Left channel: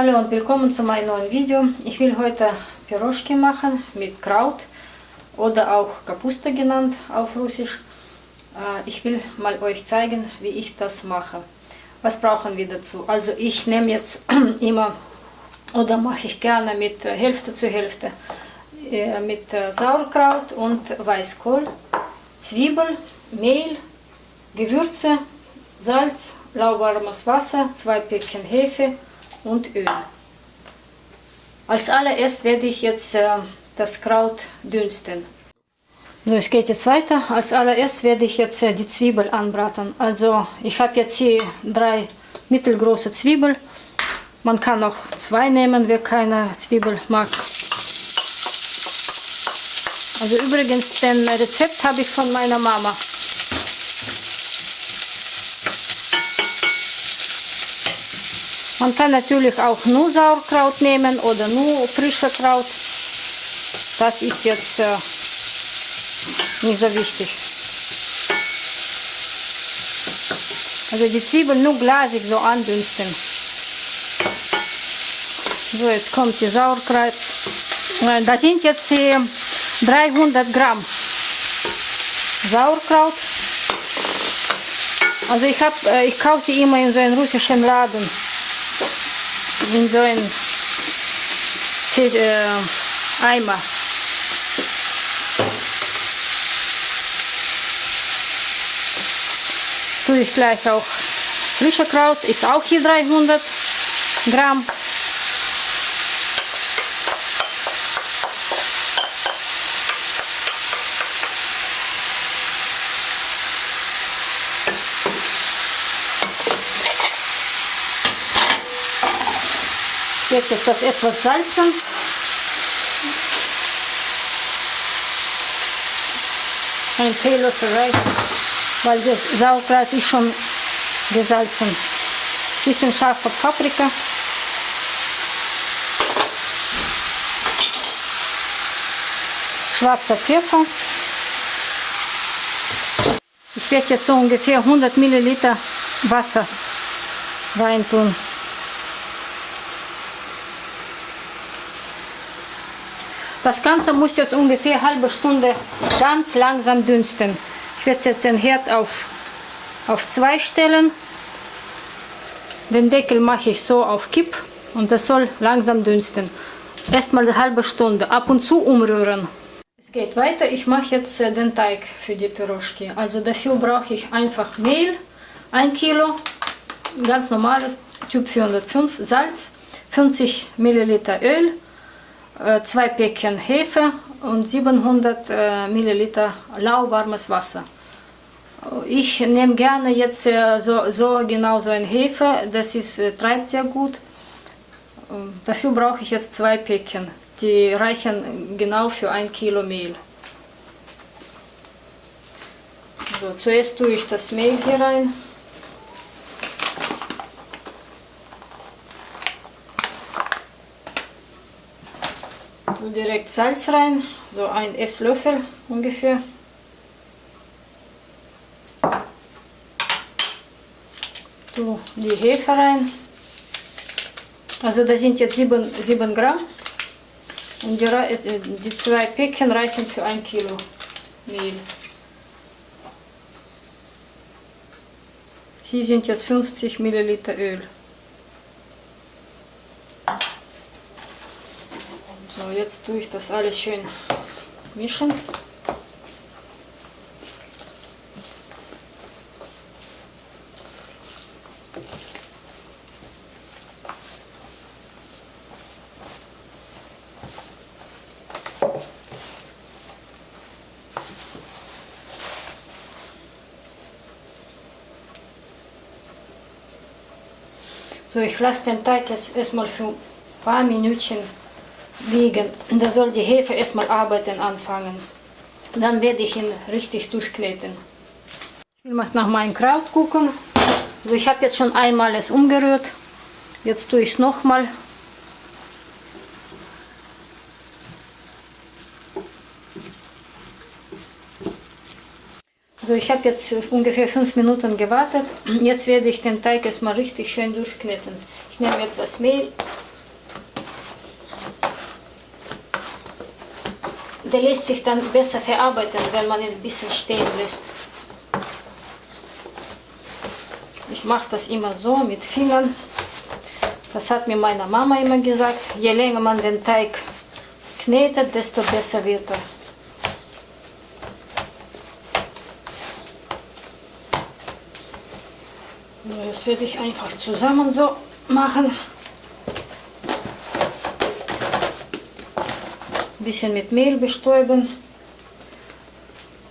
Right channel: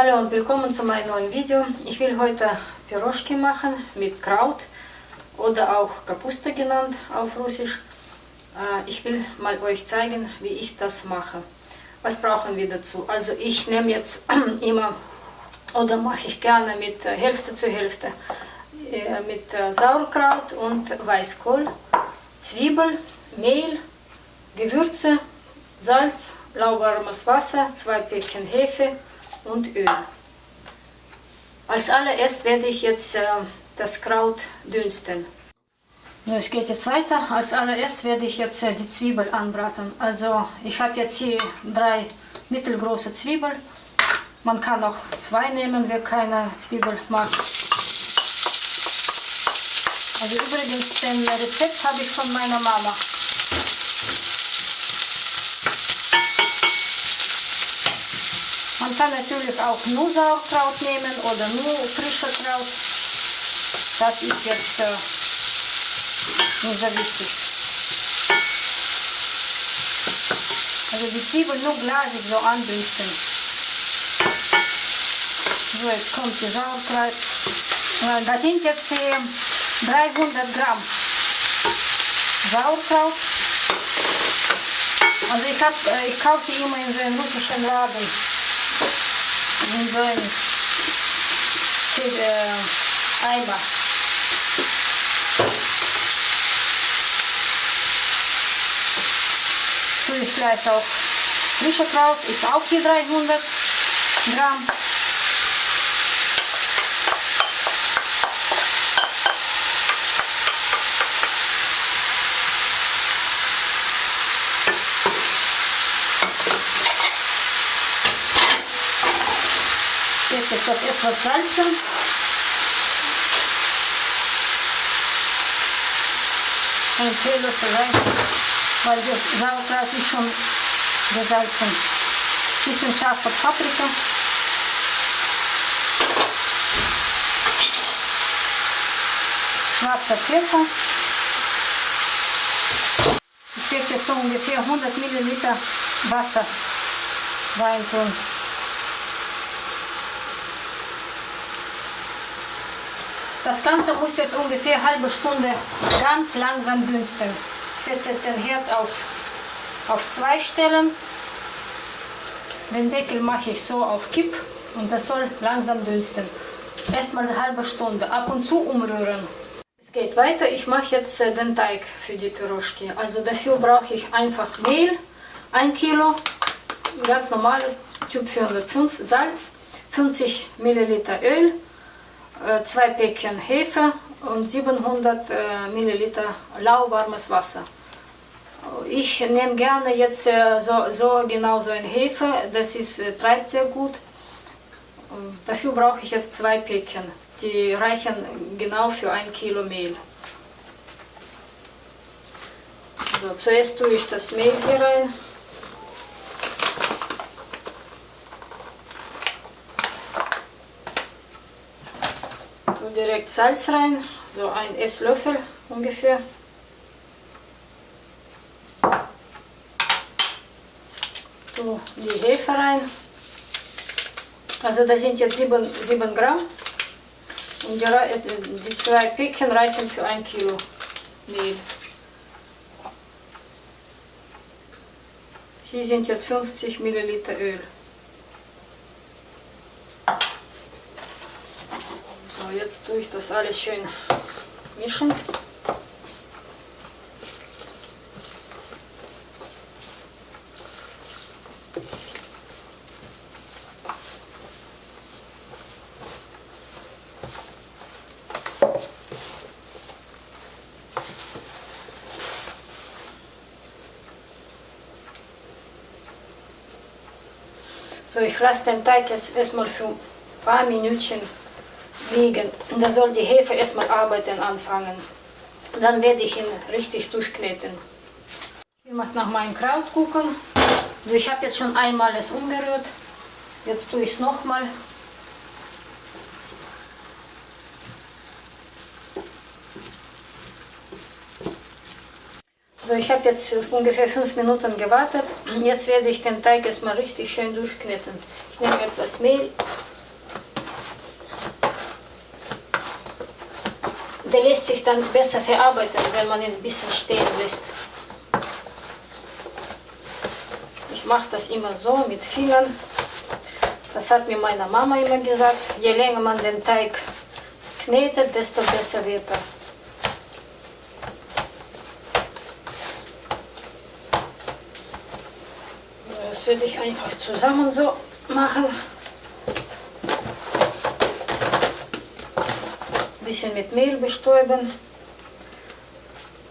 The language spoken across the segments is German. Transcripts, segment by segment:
Hallo und willkommen zu meinem neuen Video. Ich will heute Piroschki machen mit Kraut oder auch Kapusta genannt auf Russisch. Ich will mal euch zeigen, wie ich das mache. Was brauchen wir dazu? Also ich nehme jetzt immer oder mache ich gerne mit Hälfte zu Hälfte mit Sauerkraut und Weißkohl, Zwiebel, Mehl, Gewürze, Salz, lauwarmes Wasser, 2 Päckchen Hefe und Öl. Als allererst werde ich jetzt das Kraut dünsten. So, es geht jetzt weiter. Als allererst werde ich jetzt die Zwiebel anbraten. Also ich habe jetzt hier 3 mittelgroße Zwiebeln. Man kann auch 2 nehmen, wer keine Zwiebel mag. Also übrigens, den Rezept habe ich von meiner Mama. Man kann natürlich auch nur Sauerkraut nehmen oder nur frisches Kraut. Das ist jetzt nicht so wichtig. Also die Zwiebeln nur glasig so andünsten. So, jetzt kommt die Sauerkraut. Da sind jetzt 300 Gramm Sauerkraut. Also ich kaufe sie immer in so einem russischen Laden. In so einem Eimer. Tue ich gleich auch frische Kraut, ist auch hier 300 Gramm. Jetzt ist das etwas salzen. Ein Teelöffel reicht, weil das Sauerkraut ist schon gesalzen. Bisschen scharfe Paprika. Schwarzer Pfeffer. Ich werde jetzt so ungefähr 100 Milliliter Wasser reintun. Das Ganze muss jetzt ungefähr eine halbe Stunde ganz langsam dünsten. Ich werde jetzt den Herd auf 2 stellen. Den Deckel mache ich so auf Kipp und das soll langsam dünsten. Erstmal eine halbe Stunde, ab und zu umrühren. Es geht weiter, ich mache jetzt den Teig für die Piroschki. Also dafür brauche ich einfach Mehl, 1 Kilo, ganz normales Typ 405, Salz, 50 Milliliter Öl, 2 Päckchen Hefe und 700 Milliliter lauwarmes Wasser. Ich nehme gerne jetzt genau so ein Hefe, das treibt sehr gut. Dafür brauche ich jetzt 2 Päckchen, die reichen genau für 1 Kilo Mehl. So, zuerst tue ich das Mehl hier rein. Direkt Salz rein, so 1 Esslöffel ungefähr. Tu die Hefe rein. Also da sind jetzt 7 Gramm und die 2 Päckchen reichen für 1 Kilo Mehl. Hier sind jetzt 50 Milliliter Öl. So, jetzt tue ich das alles schön mischen. So, ich lasse den Teig jetzt erstmal für ein paar Minütchen liegen. Da soll die Hefe erstmal arbeiten anfangen. Dann werde ich ihn richtig durchkneten. Ich will mal nach meinem Kraut gucken. Also ich habe jetzt schon einmal es umgerührt. Jetzt tue ich es nochmal. So, ich habe jetzt ungefähr 5 Minuten gewartet. Jetzt werde ich den Teig erstmal richtig schön durchkneten. Ich nehme etwas Mehl der lässt sich dann besser verarbeiten, wenn man ihn ein bisschen stehen lässt. Ich mache das immer so mit Fingern. Das hat mir meine Mama immer gesagt. Je länger man den Teig knetet, desto besser wird er. Das werde ich einfach zusammen so machen. Ein bisschen mit Mehl bestäuben.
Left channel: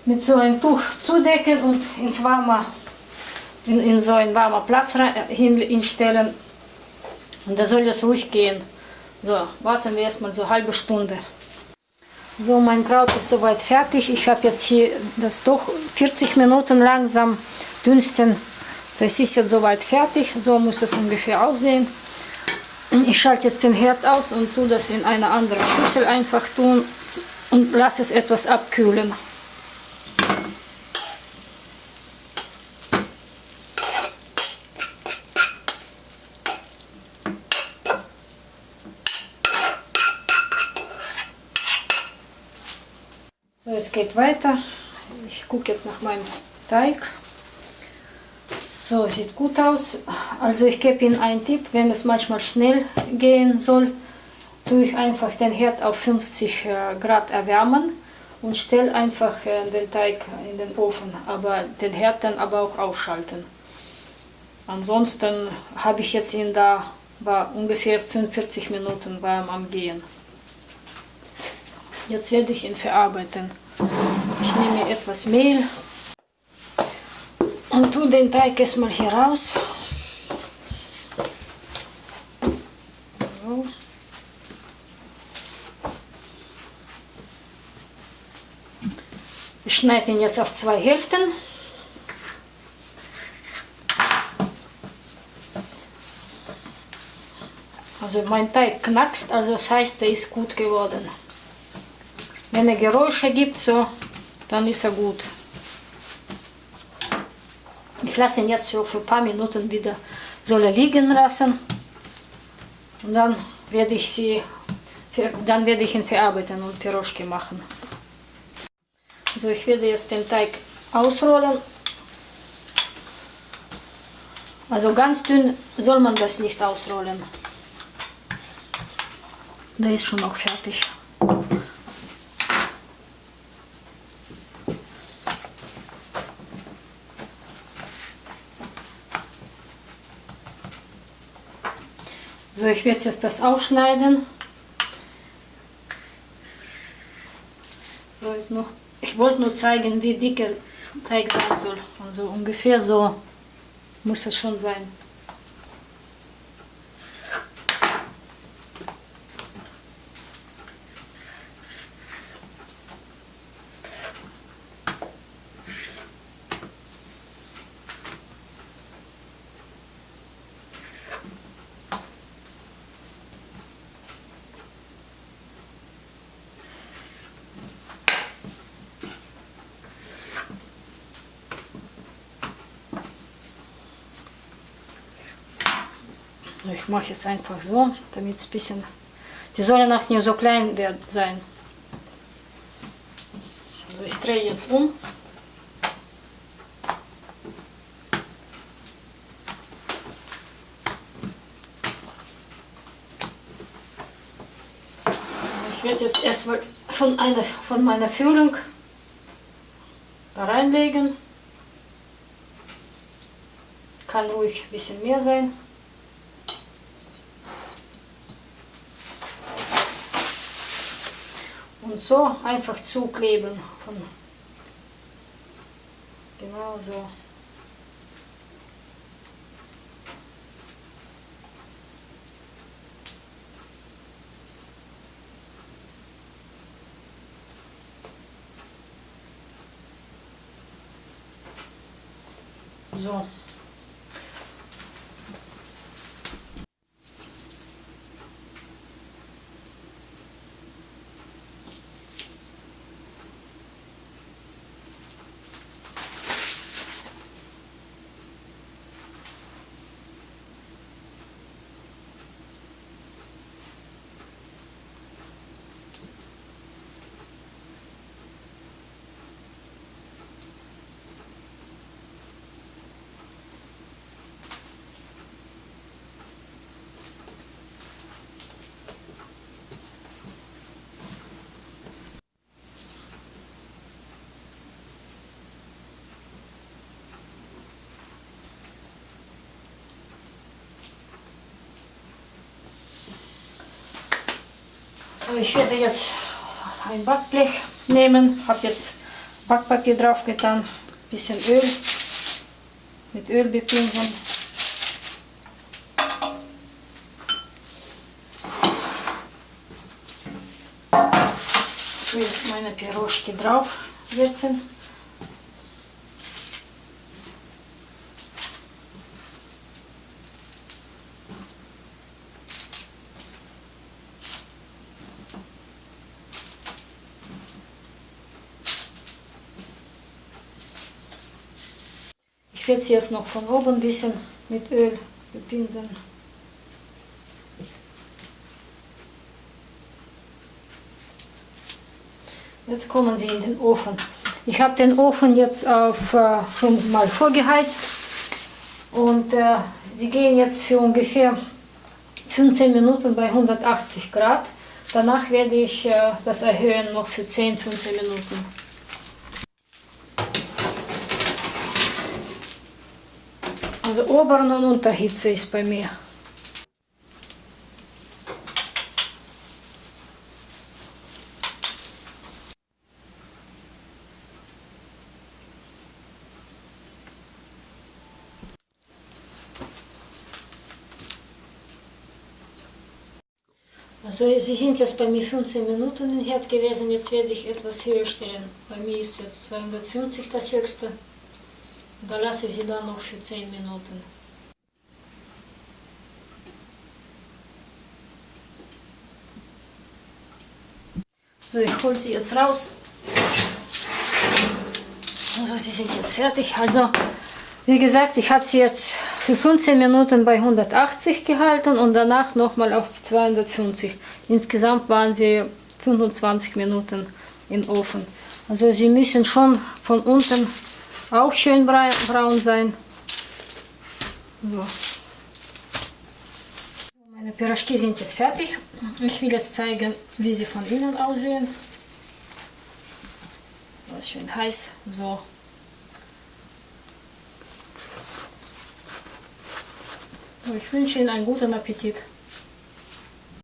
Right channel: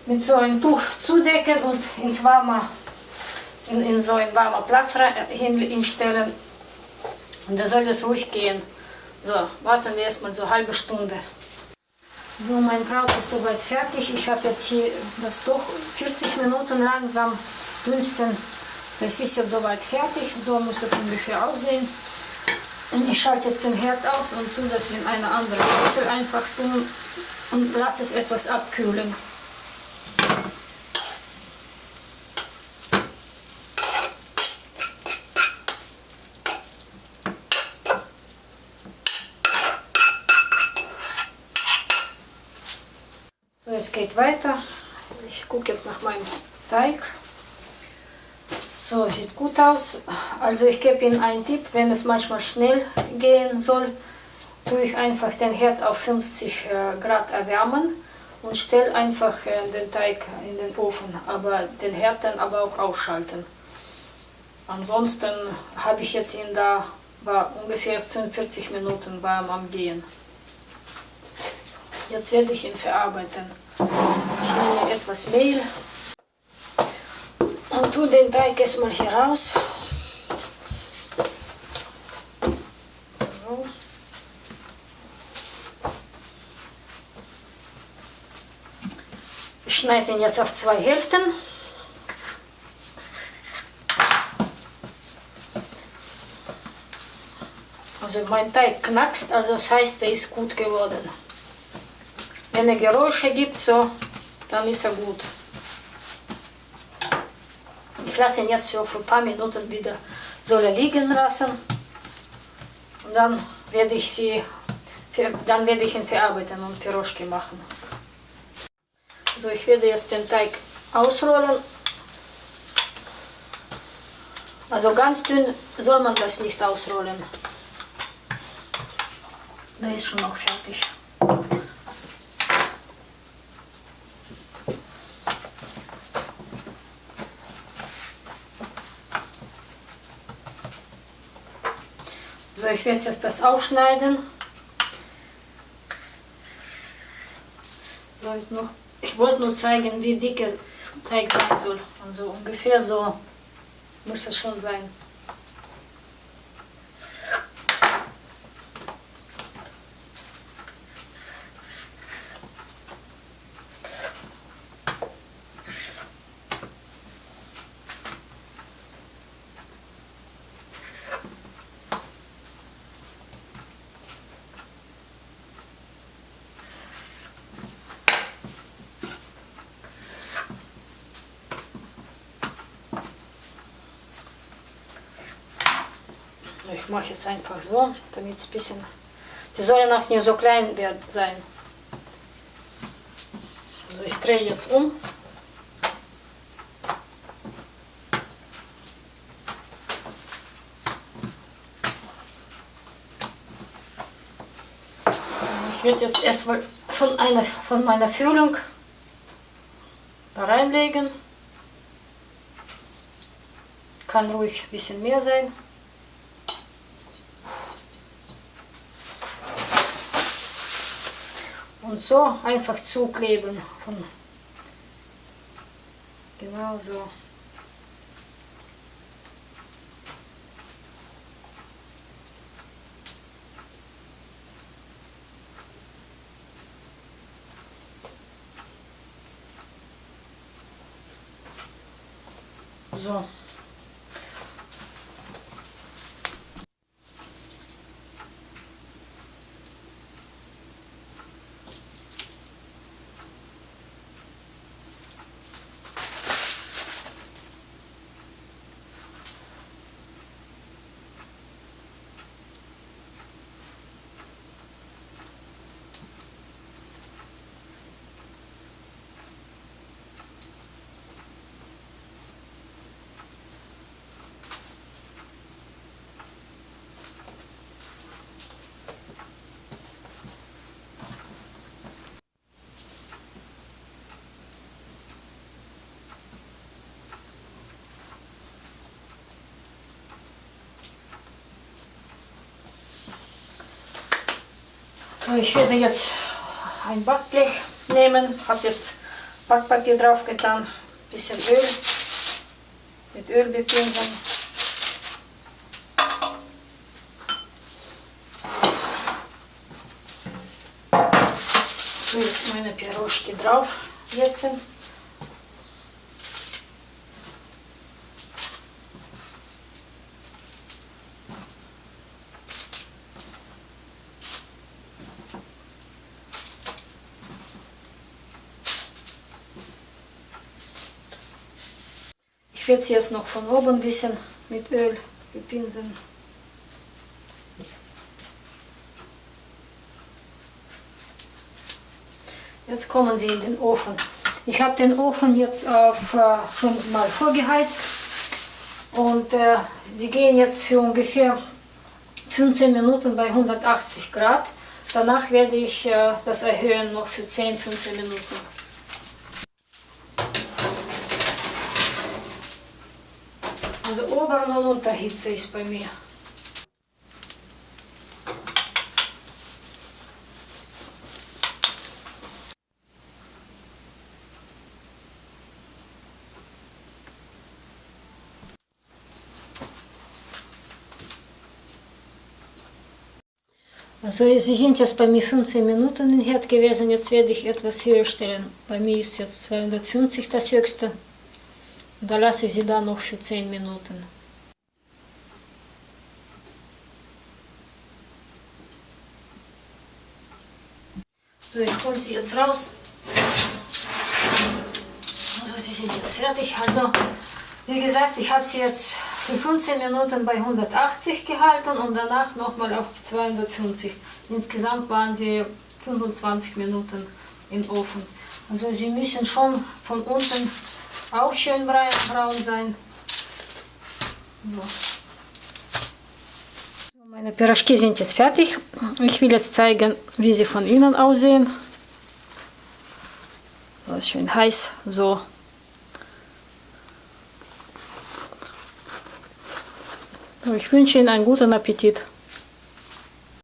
Mit so einem Tuch zudecken und ins warme, in so einen warmen Platz hinstellen. Und da soll es ruhig gehen. So, warten wir erstmal so eine halbe Stunde. So, mein Kraut ist soweit fertig. Ich habe jetzt hier das doch 40 Minuten langsam dünsten. Das ist jetzt soweit fertig. So muss es ungefähr aussehen. Ich schalte jetzt den Herd aus und tue das in eine andere Schüssel einfach tun und lasse es etwas abkühlen. So, es geht weiter. Ich gucke jetzt nach meinem Teig. So, sieht gut aus. Also ich gebe Ihnen einen Tipp, wenn es manchmal schnell gehen soll, tue ich einfach den Herd auf 50 Grad erwärmen und stelle einfach den Teig in den Ofen, aber den Herd dann aber auch ausschalten. Ansonsten habe ich jetzt ihn da, war ungefähr 45 Minuten warm am Gehen. Jetzt werde ich ihn verarbeiten. Ich nehme etwas Mehl und tue den Teig erstmal hier raus. So. Ich schneide ihn jetzt auf 2 Hälften. Also mein Teig knackst, also das heißt, der ist gut geworden. Wenn er Geräusche gibt, so, dann ist er gut. Ich lasse ihn jetzt so für ein paar Minuten wieder soll er liegen lassen und dann werde ich ihn verarbeiten und Piroschki machen. Also ich werde jetzt den Teig ausrollen. Also ganz dünn soll man das nicht ausrollen. Der ist schon noch fertig. So, ich werde jetzt das aufschneiden. Ich wollte nur zeigen, wie dick der Teig sein soll. Also ungefähr so muss es schon sein. Ich mache jetzt einfach so, damit es ein bisschen... Die sollen auch nicht so klein sein. Also ich drehe jetzt um. Ich werde jetzt erstmal von meiner Füllung da reinlegen. Kann ruhig ein bisschen mehr sein. Und so einfach zukleben. Genau so. So. So, ich werde jetzt ein Backblech nehmen, habe jetzt Backpapier drauf getan, bisschen Öl, mit Öl bepinseln. So, jetzt meine Piroschki drauf setzen. Ich werde sie jetzt noch von oben ein bisschen mit Öl bepinseln. Jetzt kommen sie in den Ofen. Ich habe den Ofen jetzt schon mal vorgeheizt und sie gehen jetzt für ungefähr 15 Minuten bei 180 Grad. Danach werde ich das erhöhen noch für 10-15 Minuten. Also Oberen- und Unterhitze ist bei mir. Also sie sind jetzt bei mir 15 Minuten im Herd gewesen, jetzt werde ich etwas höher stellen. Bei mir ist jetzt 250 das höchste. Und da lasse ich sie dann noch für 10 Minuten. So, ich hole sie jetzt raus. Also sie sind jetzt fertig. Also wie gesagt, ich habe sie jetzt für 15 Minuten bei 180 gehalten und danach nochmal auf 250. Insgesamt waren sie 25 Minuten im Ofen. Also sie müssen schon von unten auch schön braun sein. So. Meine Piroschki sind jetzt fertig. Ich will jetzt zeigen, wie sie von innen aussehen. Das ist schön heiß. So. Ich wünsche Ihnen einen guten Appetit.